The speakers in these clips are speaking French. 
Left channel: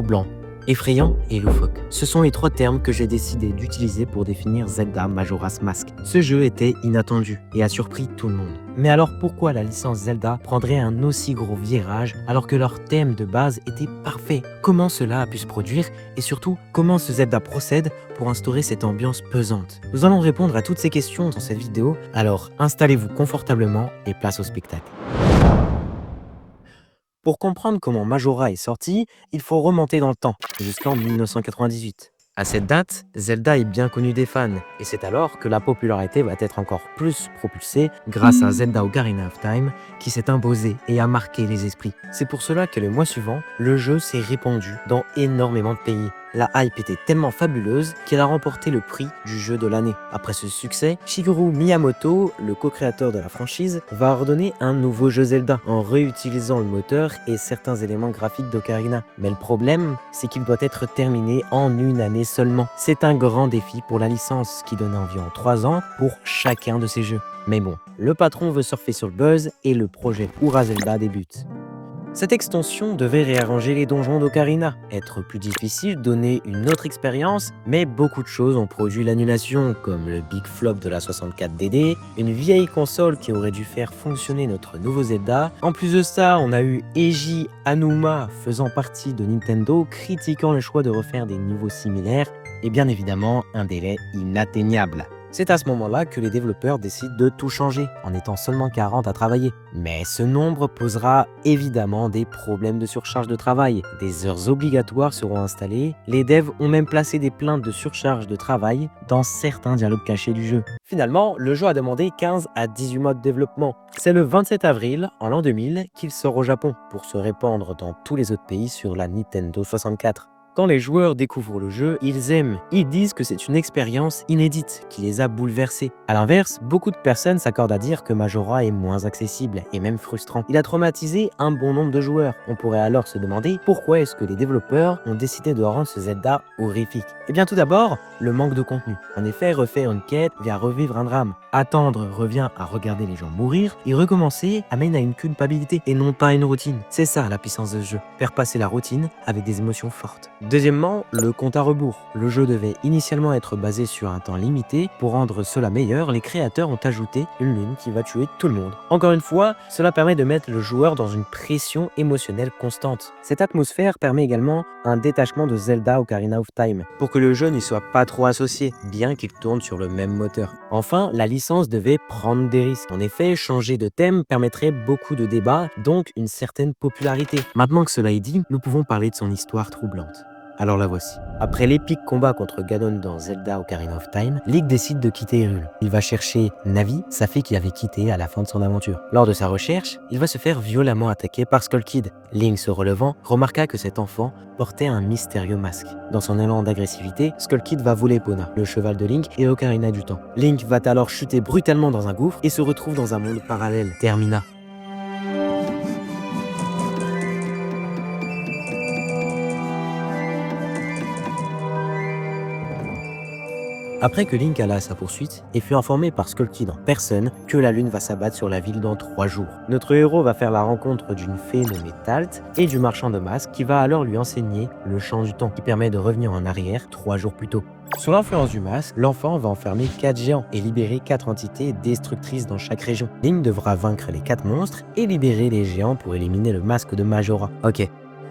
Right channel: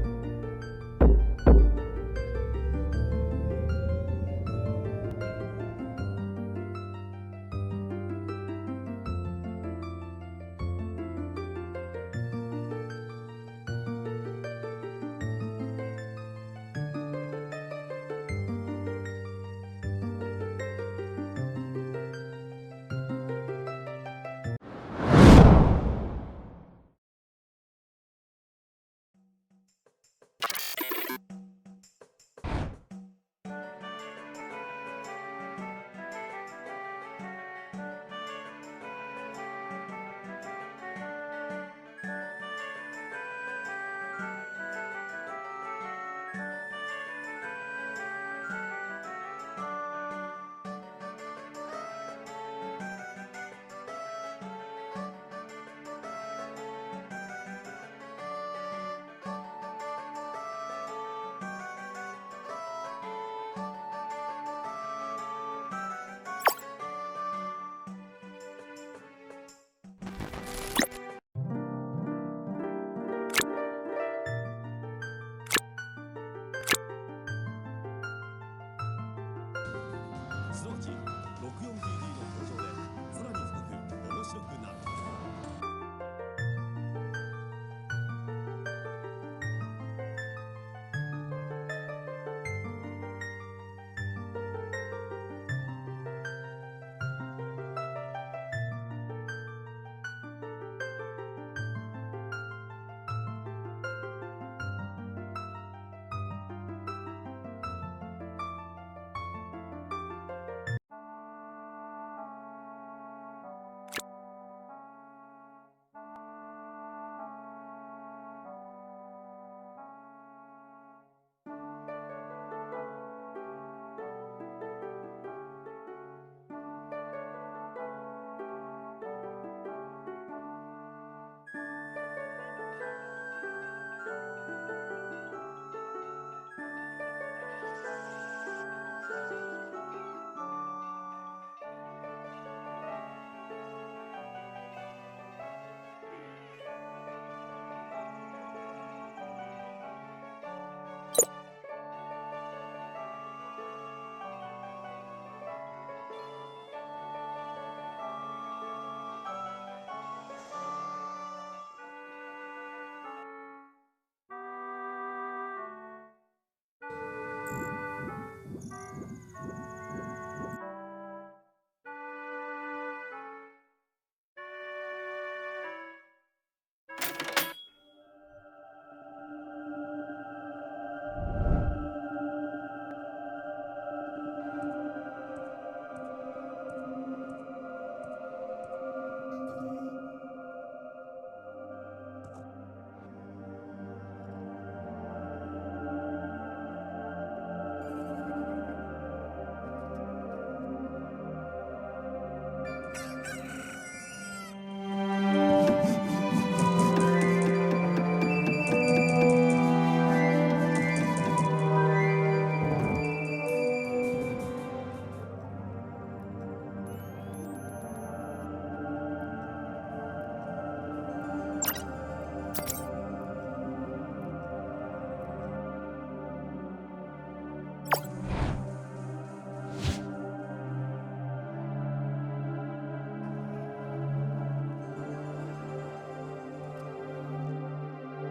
troublant, effrayant et loufoque. Ce sont les trois termes que j'ai décidé d'utiliser pour définir Zelda Majora's Mask. Ce jeu était inattendu et a surpris tout le monde. Mais alors pourquoi la licence Zelda prendrait un aussi gros virage alors que leur thème de base était parfait? Comment cela a pu se produire et surtout comment ce Zelda procède pour instaurer cette ambiance pesante? Nous allons répondre à toutes ces questions dans cette vidéo, alors installez-vous confortablement et place au spectacle. Pour comprendre comment Majora est sorti, il faut remonter dans le temps, jusqu'en 1998. À cette date, Zelda est bien connu des fans, et c'est alors que la popularité va être encore plus propulsée grâce à Zelda Ocarina of Time, qui s'est imposé et a marqué les esprits. C'est pour cela que le mois suivant, le jeu s'est répandu dans énormément de pays. La hype était tellement fabuleuse qu'elle a remporté le prix du jeu de l'année. Après ce succès, Shigeru Miyamoto, le co-créateur de la franchise, va ordonner un nouveau jeu Zelda en réutilisant le moteur et certains éléments graphiques d'Ocarina. Mais le problème, c'est qu'il doit être terminé en une année seulement. C'est un grand défi pour la licence qui donne environ 3 ans pour chacun de ces jeux. Mais bon, le patron veut surfer sur le buzz et le projet Ura Zelda débute. Cette extension devait réarranger les donjons d'Ocarina, être plus difficile, donner une autre expérience, mais beaucoup de choses ont produit l'annulation, comme le big flop de la 64DD, une vieille console qui aurait dû faire fonctionner notre nouveau Zelda. En plus de ça, on a eu Eiji Aonuma, faisant partie de Nintendo, critiquant le choix de refaire des niveaux similaires, et bien évidemment un délai inatteignable. C'est à ce moment-là que les développeurs décident de tout changer, en étant seulement 40 à travailler. Mais ce nombre posera évidemment des problèmes de surcharge de travail. Des heures obligatoires seront installées. Les devs ont même placé des plaintes de surcharge de travail dans certains dialogues cachés du jeu. Finalement, le jeu a demandé 15 à 18 mois de développement. C'est le 27 avril, en l'an 2000, qu'il sort au Japon, pour se répandre dans tous les autres pays sur la Nintendo 64. Quand les joueurs découvrent le jeu, ils aiment. Ils disent que c'est une expérience inédite qui les a bouleversés. A l'inverse, beaucoup de personnes s'accordent à dire que Majora est moins accessible et même frustrant. Il a traumatisé un bon nombre de joueurs. On pourrait alors se demander pourquoi est-ce que les développeurs ont décidé de rendre ce Zelda horrifique. Eh bien tout d'abord, le manque de contenu. En effet, refaire une quête vient revivre un drame. Attendre revient à regarder les gens mourir et recommencer amène à une culpabilité et non pas à une routine. C'est ça la puissance de ce jeu, faire passer la routine avec des émotions fortes. Deuxièmement, le compte à rebours. Le jeu devait initialement être basé sur un temps limité. Pour rendre cela meilleur, les créateurs ont ajouté une lune qui va tuer tout le monde. Encore une fois, cela permet de mettre le joueur dans une pression émotionnelle constante. Cette atmosphère permet également un détachement de Zelda Ocarina of Time, pour que le jeu n'y soit pas trop associé, bien qu'il tourne sur le même moteur. Enfin, la licence devait prendre des risques. En effet, changer de thème permettrait beaucoup de débats, donc une certaine popularité. Maintenant que cela est dit, nous pouvons parler de son histoire troublante. Alors la voici. Après l'épique combat contre Ganon dans Zelda Ocarina of Time, Link décide de quitter Hyrule. Il va chercher Navi, sa fille qu'il avait quittée à la fin de son aventure. Lors de sa recherche, il va se faire violemment attaquer par Skull Kid. Link, se relevant, remarqua que cet enfant portait un mystérieux masque. Dans son élan d'agressivité, Skull Kid va voler Epona, le cheval de Link et Ocarina du Temps. Link va alors chuter brutalement dans un gouffre et se retrouve dans un monde parallèle. Termina. Après que Link alla à sa poursuite et fut informé par Skull Kid en personne que la lune va s'abattre sur la ville dans 3 jours. Notre héros va faire la rencontre d'une fée nommée Talt et du marchand de masques qui va alors lui enseigner le chant du temps qui permet de revenir en arrière 3 jours plus tôt. Sous l'influence du masque, l'enfant va enfermer 4 géants et libérer 4 entités destructrices dans chaque région. Link devra vaincre les 4 monstres et libérer les géants pour éliminer le masque de Majora. Ok,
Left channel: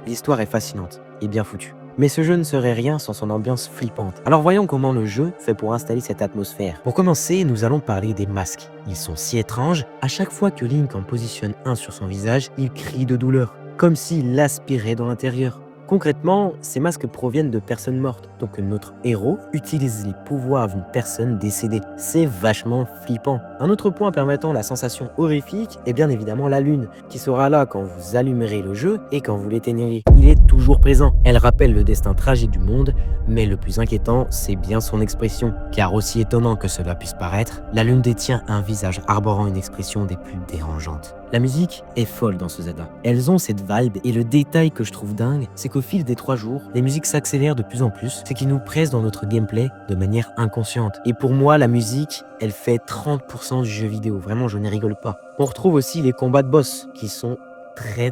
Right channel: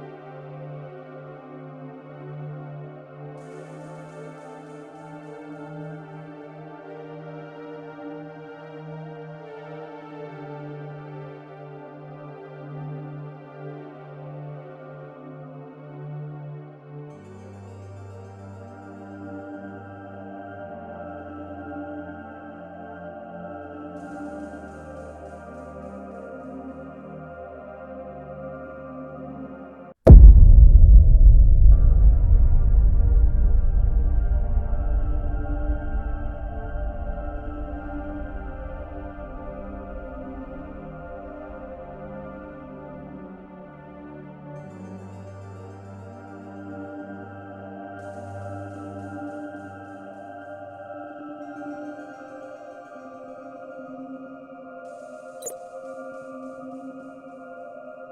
l'histoire est fascinante et bien foutue. Mais ce jeu ne serait rien sans son ambiance flippante. Alors voyons comment le jeu fait pour installer cette atmosphère. Pour commencer, nous allons parler des masques. Ils sont si étranges, à chaque fois que Link en positionne un sur son visage, il crie de douleur, comme s'il l'aspirait dans l'intérieur. Concrètement, ces masques proviennent de personnes mortes, donc notre héros utilise les pouvoirs d'une personne décédée. C'est vachement flippant. Un autre point permettant la sensation horrifique est bien évidemment la lune, qui sera là quand vous allumerez le jeu et quand vous l'éteignerez. Il est toujours présent. Elle rappelle le destin tragique du monde, mais le plus inquiétant, c'est bien son expression. Car aussi étonnant que cela puisse paraître, la lune détient un visage arborant une expression des plus dérangeantes. La musique est folle dans ce Zelda. Elles ont cette vibe et le détail que je trouve dingue, c'est qu'au fil des 3 jours, les musiques s'accélèrent de plus en plus, ce qui nous presse dans notre gameplay de manière inconsciente. Et pour moi, la musique, elle fait 30% du jeu vidéo. Vraiment, je n'y rigole pas. On retrouve aussi les combats de boss qui sont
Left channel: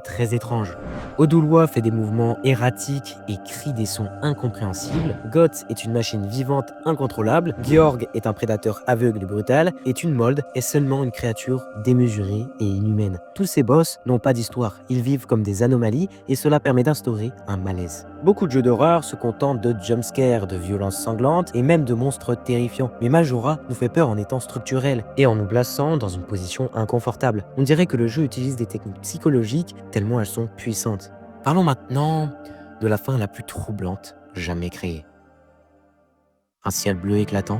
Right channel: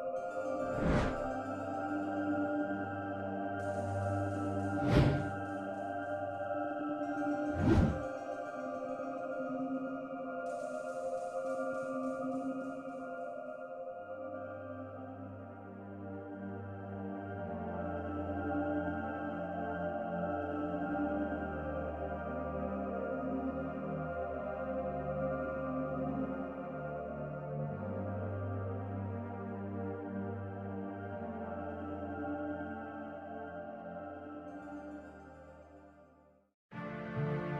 très étrange. Odouloi fait des mouvements erratiques et crie des sons incompréhensibles. Goth est une machine vivante incontrôlable. Georg est un prédateur aveugle et brutal. Et Thunmold est seulement une créature démesurée et inhumaine. Tous ces boss n'ont pas d'histoire. Ils vivent comme des anomalies et cela permet d'instaurer un malaise. Beaucoup de jeux d'horreur se contentent de jumpscares, de violences sanglantes et même de monstres terrifiants. Mais Majora nous fait peur en étant structurel et en nous plaçant dans une position inconfortable. On dirait que le jeu utilise des techniques psychologiques tellement elles sont puissantes. Parlons maintenant de la fin la plus troublante jamais créée. Un ciel bleu éclatant,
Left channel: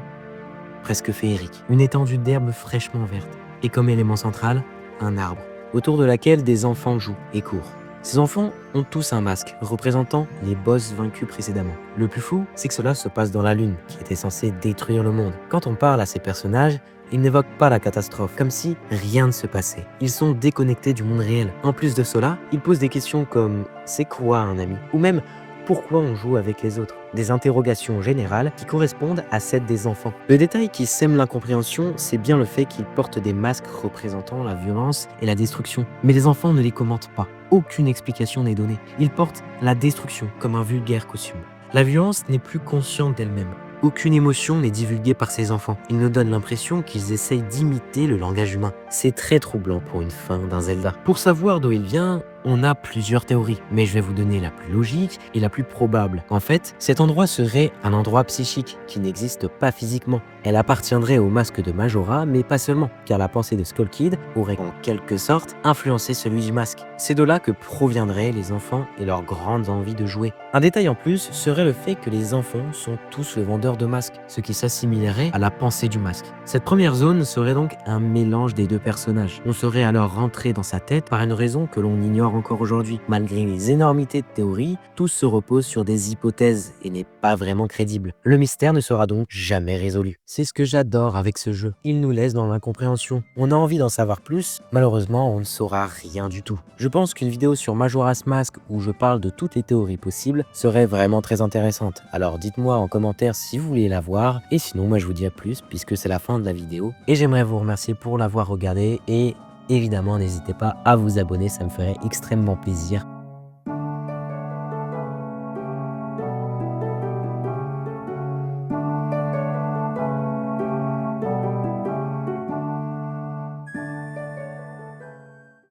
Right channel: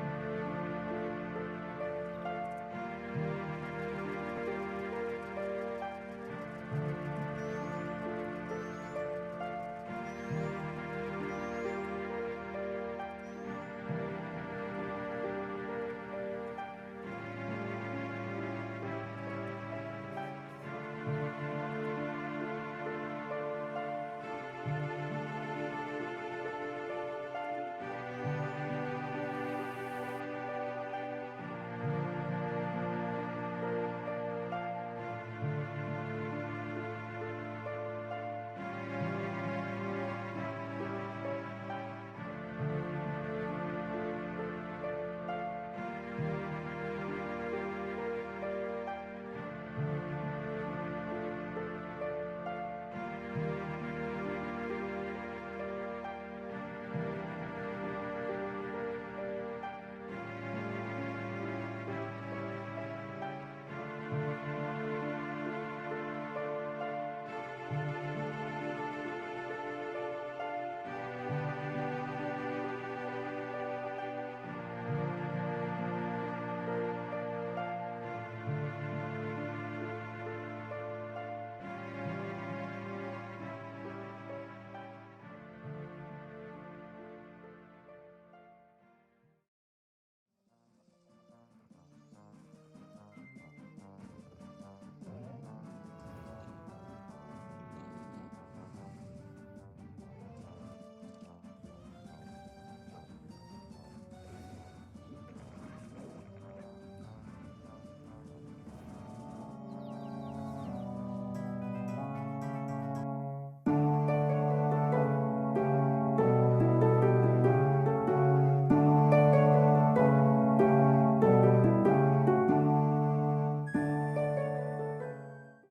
presque féerique, une étendue d'herbe fraîchement verte, et comme élément central, un arbre, autour de laquelle des enfants jouent et courent. Ces enfants ont tous un masque, représentant les boss vaincus précédemment. Le plus fou, c'est que cela se passe dans la Lune, qui était censée détruire le monde. Quand on parle à ces personnages, ils n'évoquent pas la catastrophe, comme si rien ne se passait. Ils sont déconnectés du monde réel. En plus de cela, ils posent des questions comme «C'est quoi un ami?» ou même «Pourquoi on joue avec les autres?» Des interrogations générales qui correspondent à celles des enfants. Le détail qui sème l'incompréhension, c'est bien le fait qu'ils portent des masques représentant la violence et la destruction. Mais les enfants ne les commentent pas. Aucune explication n'est donnée. Ils portent la destruction comme un vulgaire costume. La violence n'est plus consciente d'elle-même. Aucune émotion n'est divulguée par ces enfants. Ils nous donnent l'impression qu'ils essayent d'imiter le langage humain. C'est très troublant pour une fin d'un Zelda. Pour savoir d'où il vient, on a plusieurs théories, mais je vais vous donner la plus logique et la plus probable. En fait, cet endroit serait un endroit psychique qui n'existe pas physiquement. Elle appartiendrait au masque de Majora, mais pas seulement, car la pensée de Skull Kid aurait en quelque sorte influencé celui du masque. C'est de là que proviendraient les enfants et leur grande envie de jouer. Un détail en plus serait le fait que les enfants sont tous le vendeur de masques, ce qui s'assimilerait à la pensée du masque. Cette première zone serait donc un mélange des deux personnages. On serait alors rentré dans sa tête par une raison que l'on ignore encore aujourd'hui. Malgré les énormités de théories, tout se repose sur des hypothèses et n'est pas vraiment crédible. Le mystère ne sera donc jamais résolu. C'est ce que j'adore avec ce jeu. Il nous laisse dans l'incompréhension. On a envie d'en savoir plus, malheureusement on ne saura rien du tout. Je pense qu'une vidéo sur Majora's Mask où je parle de toutes les théories possibles serait vraiment très intéressante. Alors dites-moi en commentaire si vous voulez la voir, et sinon moi je vous dis à plus puisque c'est la fin de la vidéo. Et j'aimerais vous remercier pour l'avoir regardé et évidemment n'hésitez pas à vous abonner, ça me ferait extrêmement plaisir.